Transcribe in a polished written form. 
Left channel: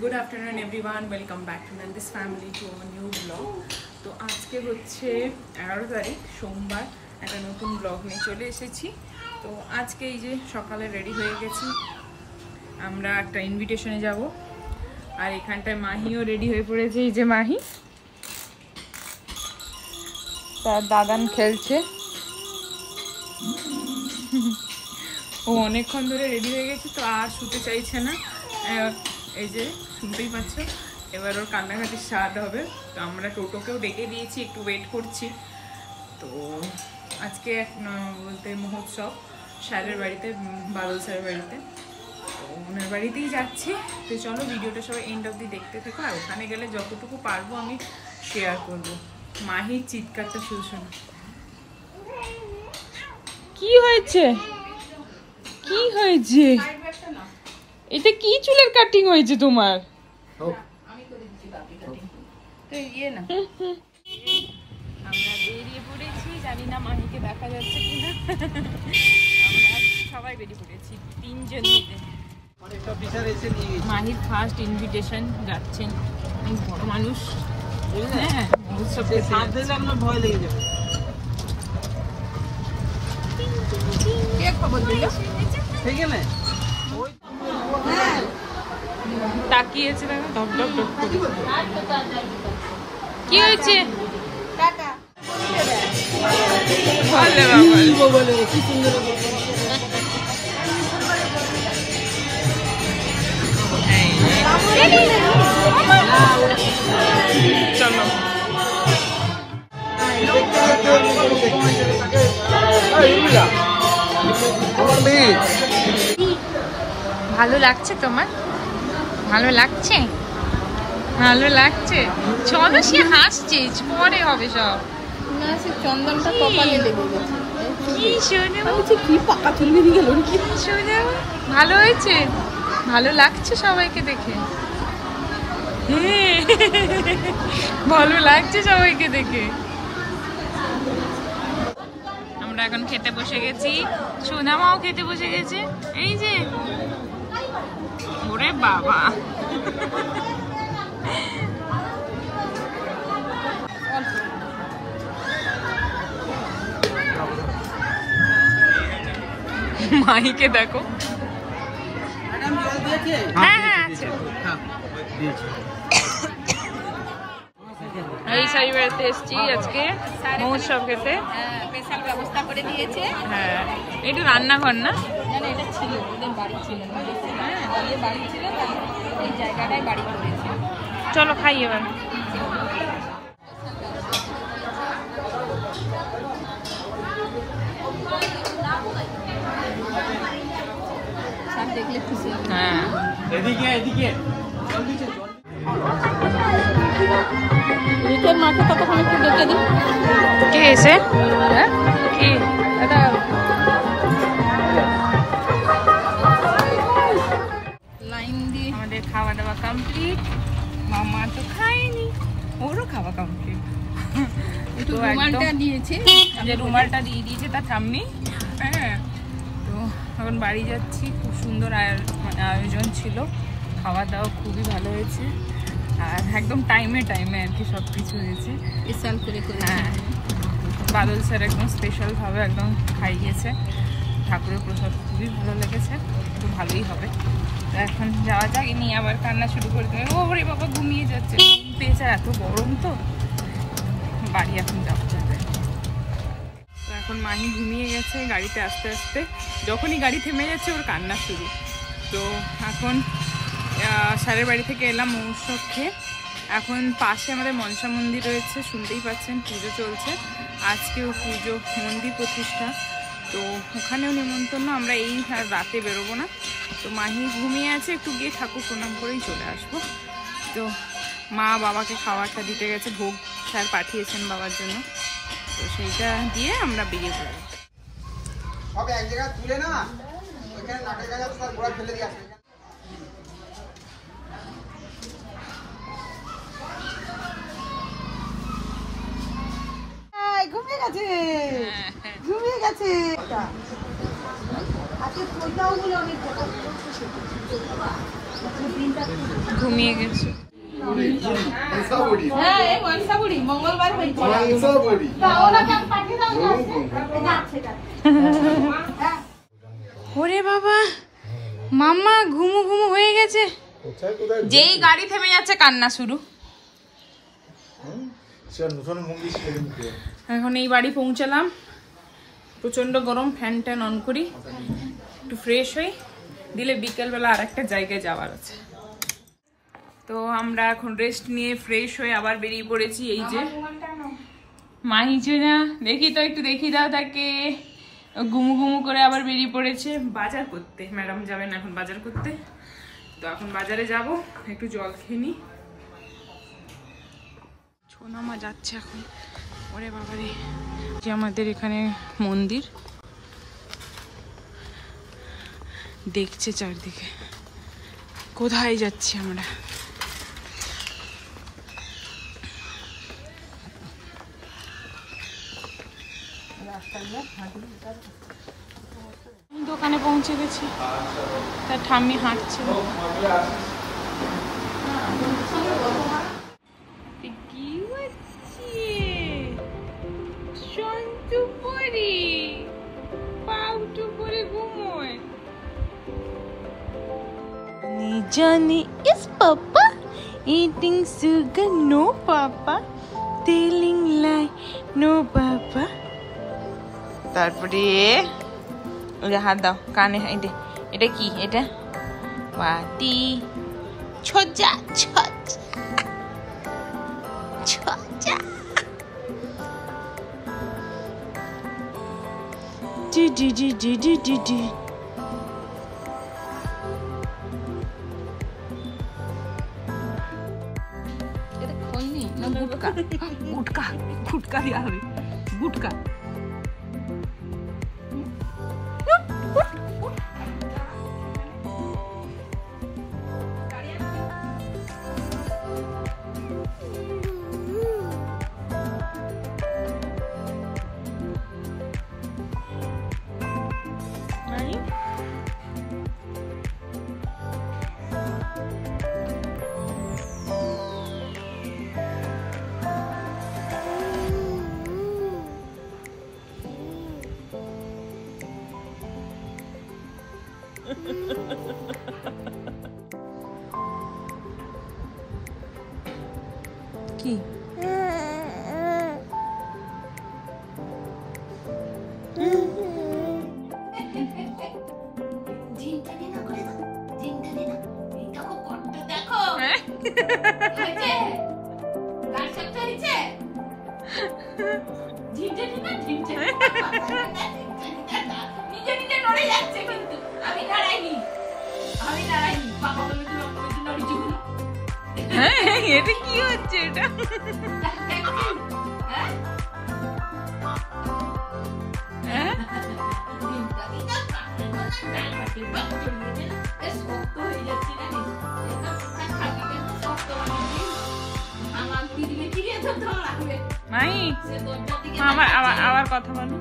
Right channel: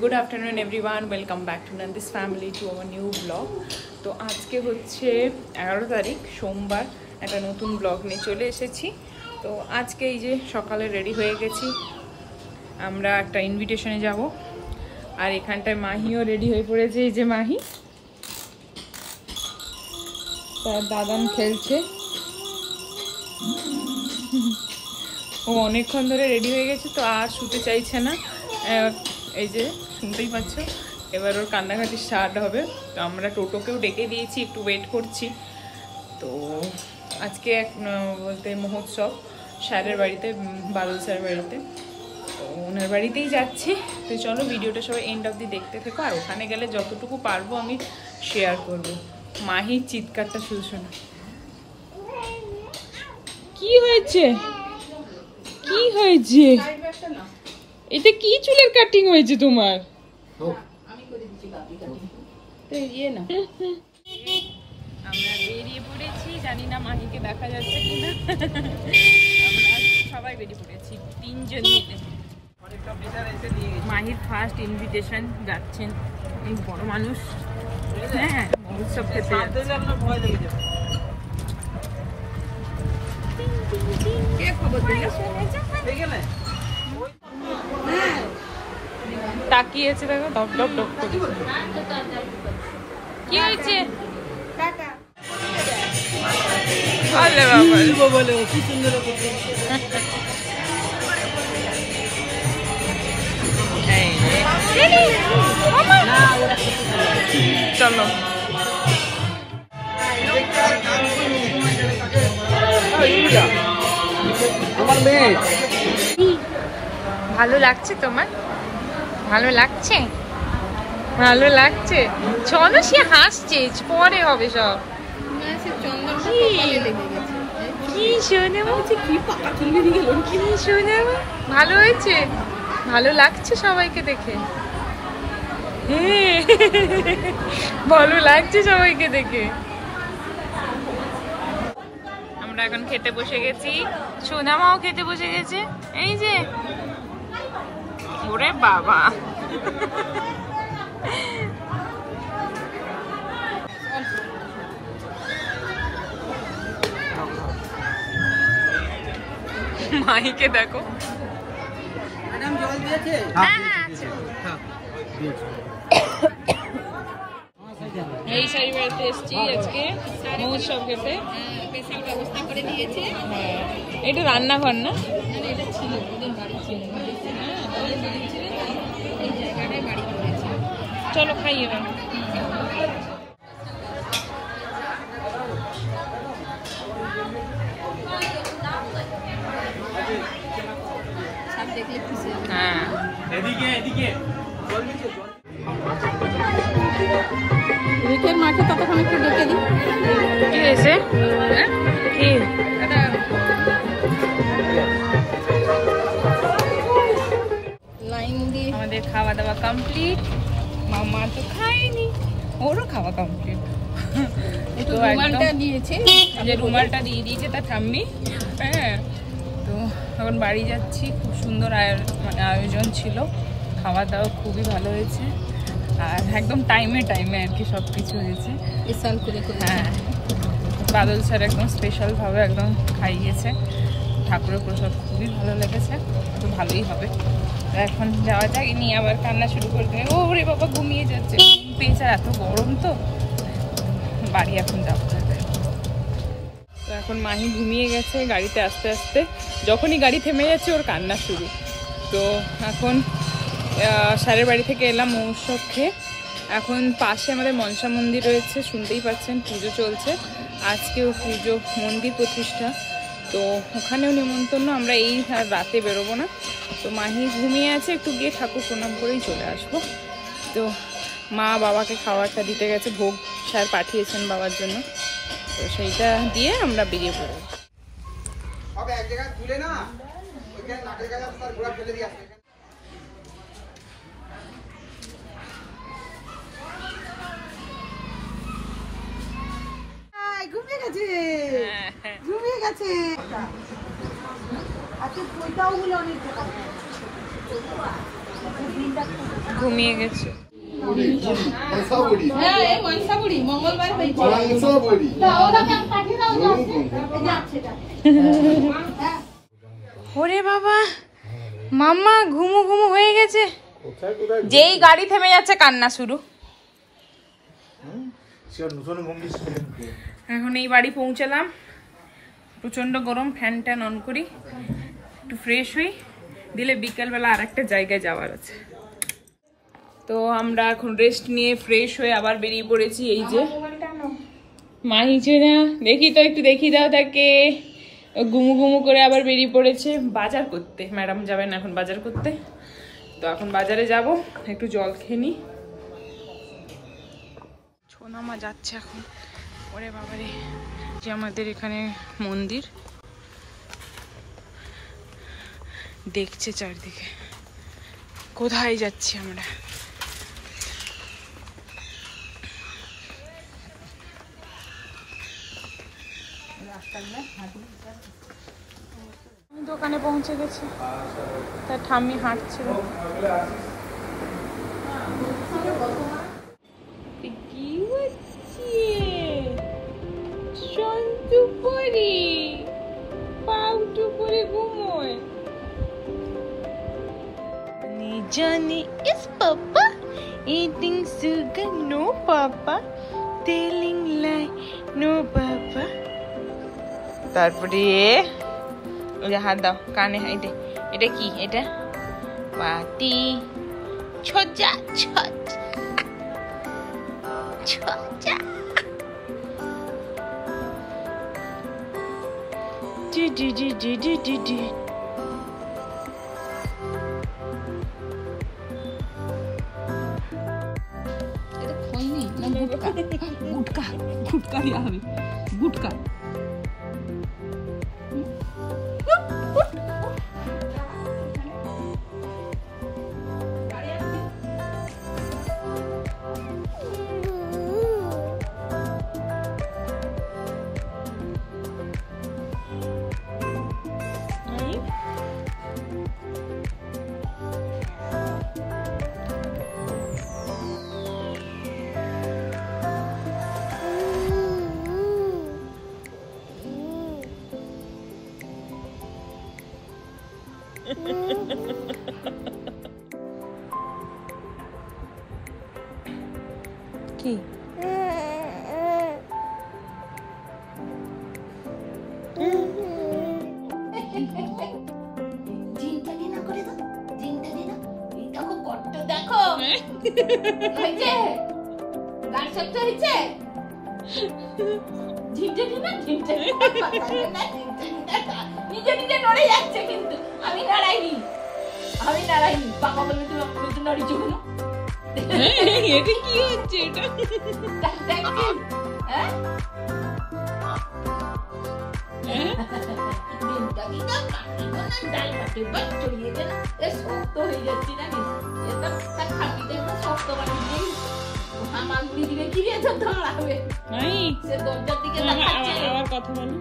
Good afternoon everyone, welcome back to Nandi's family to our new blog. तो आज के হচ্ছে 11 তারিখ সোমবার একটা নতুন ব্লগ নিয়ে চলে এসেছি। তো আজকে এই যে সকালে রেডি হয়ে গেছি, আমরা একটা ইনভিটেশনে যাব। আর এখানটায় মাহিও রেডি হয়ে পড়েছে। এই যে মাহি, তার দাদান খেলছে। ও অনেকক্ষণ ধরে রেডি হয়ে গেছে, তো আর শুতে চাইছে না। এই যে শুনতেই পাচ্ছ, এবার ওর কান্নাকাটি স্টার্ট হবে। তো আমরা টোটোকেও ডেকে দিয়েছি, একটু ওয়েট করছি। তো আজকে বলতে মহোৎসব স্যারের বাড়িতে, বাদল স্যারের বাড়িতে, তো ওনার বাড়িতেই যাচ্ছি। তো চলো ভিডিওটা সবাই এন্ড অবধি দেখতে থেকো, আর ওখানে গেলে যতটুকু পারবো আমি শেয়ার করব। মাহির চিৎকারটা শুধু শোনো। কি হয়েছে, কি হয়েছে? এটা কি চুলের কাটিং হয়েছে তোমার? আমরা বেরিয়ে পড়েছি, জানি না মাহিকে দেখা যাচ্ছে কিনা। আমরা সবাই বেরিয়ে পড়েছি, তিনজন মিলে। মাহির ফার্স্ট ইনভিটেশন যাচ্ছেন এই বড় মানুষ। হ্যাঁ, মহোৎসব খেতে ভয় লেগে যাবে। তাকিয়েছে, দেখো ডক ডক ডক করে। কি হয়েছে? চলো ভালো লাগছে তোমার? ভালো লাগছে, ভালো লাগছে। চলো, সে হাসছে, পরে হবে সব। কি শোনে, কি পাকা চুল বেরিয়ে গেল। কি শোনে, ভালো হয়েছে, ভালো লাগছে সবাইকে দেখে। হ্যাঁ, ভালো লাগছে সবাইকে দেখে। আমরা এখন খেতে বসে গেছি, সোনামাও খেতে বসে গেছে। এই যে, ওরে বাবা, মাহিকে দেখো। হ্যাঁ হ্যাঁ আছে। এই শাড়ি বেড়াতে এসছি আজকে মহোৎসব খেতে। স্পেশাল ব্যবস্থা করে দিয়েছে। হ্যাঁ, এটা রান্নাঘর না? এটা ছিল ওদের বাড়ি, ছিল ওদের বাড়ি ছিল, এই জায়গাটাই বাড়ি করেছে। চলো খাই এবার। হ্যাঁ, এদিকে এদিকে রিকের মাকে ততক্ষণ একটু ডেকে দিই। কি হয়েছে? কি লাইন দিয়ে আমাদের খাওয়া দাওয়া কমপ্লিট। মামা তো খায়নি, ওরও খাওয়া কমপ্লিট। একটু রুমালটা দিয়েছে, রুমালটা দিয়ে দিয়েছে তার ঠাম্মি। হ্যাঁ, তো এখন বাড়ি যাচ্ছি। খুব সুন্দর আয়োজন ছিল, খাওয়া দাওয়া খুবই ভালো হয়েছে। আর একদম টাইমে টাইমে আর কি সব কিছু হয়েছে। স্পেশাল করে। হ্যাঁ, বাদল স্যার একদম স্পেশালভাবে একদম খাইয়েছে। ঠাকুরের প্রসাদ খুবই ভালো লেগেছে, তো ভালোই হবে। এখন যাওয়া যাক, নিয়ে আবার কান্না শুরু করে দেবে। ও রে বাবা, ঘুমিয়ে যাচ্ছে পেয়েছে, এত গরম তো। বাড়ি এখন যাওয়া যাবে। তো এখন মাহি ঘুমিয়ে গেছে গাড়িতে আস্তে আস্তে। যখনই গাড়ি থেমে যাচ্ছে ওর কান্না শুরু। তো এখন স্যারের বাড়ি থেকে এলাম মহোৎসব খেয়ে। এখন পাশে আমাদের মনসা মন্দির রয়েছে, শুনতেই পাচ্ছেন, পুজো চলছে। আজকেও পুজো, মন্দির প্রতিষ্ঠা, তো ওখানেও নিমন্ত্রণ। আমরা এই রাতে বেরোবো না। তো মাহি ঘুমিয়ে আছে, একটু গিয়ে ঠাকুর প্রণাম করেই চলে আসবো। তো মা বাবাকে খাবারটা দিতে গেছে, ভোগ স্যার পাঠিয়েছেন বাবার জন্য, তো সেইটা দিয়ে আমরা বেরিয়ে পড়বো। ঘুমিয়ে গেছে, ঘুমিয়ে গেছে। ঘুমিয়ে গেছে। ওরে বাবা, মাম্মা ঘুমু ঘুমু হয়ে গেছে। যেই গাড়ি থেমে যাচ্ছে কান্না শুরু। এখন এই বাড়ি পৌঁছালাম, প্রচন্ড গরম, ফ্যান ট্যান অন করি, একটু ফ্রেশ হই, দিলে বিকেলবেলা আর একটা জায়গায় যাওয়ার আছে। তো আমরা এখন রেস্ট নিয়ে ফ্রেশ হয়ে আবার বেরিয়ে পড়েছি। এই যে মাহি চুনা, দেখি তো একটু দেখি দাও তাকে। গুমু গুমু করে আবার বেরিয়ে পড়েছে বাজার করতে। ম্যাডাম যাবেন এখন বাজার করতে, তো এখন বাজারে যাব, একটু জল খেয়ে নি। ছোনামা যাচ্ছে এখন। ওরে বাবারে, যে আমাদের এখানে মন্দির, দেখছে চারদিকে। কোথায় যাচ্ছি আমরা? দোকানে পৌঁছে গেছি, তার ঠাম্মি হাঁটছে। কি হচ্ছে? সন্তু পরি পাউটু করে ঘুমোয়। Johnny is Papa eating sugar? No, Papa telling lie. No, Papa. তারপরে ওই যে হাত দাও কানে। এটা কি? এটা পাটি। ছোজা ছোজা ছোজা। ডি ডি ডি ডি ডি ডি ডি। গুটকা গুটকা দেওয়া হবে, গুটকা। কি? এটা কি হচ্ছে? এটা মাই, আবার কথা বলো।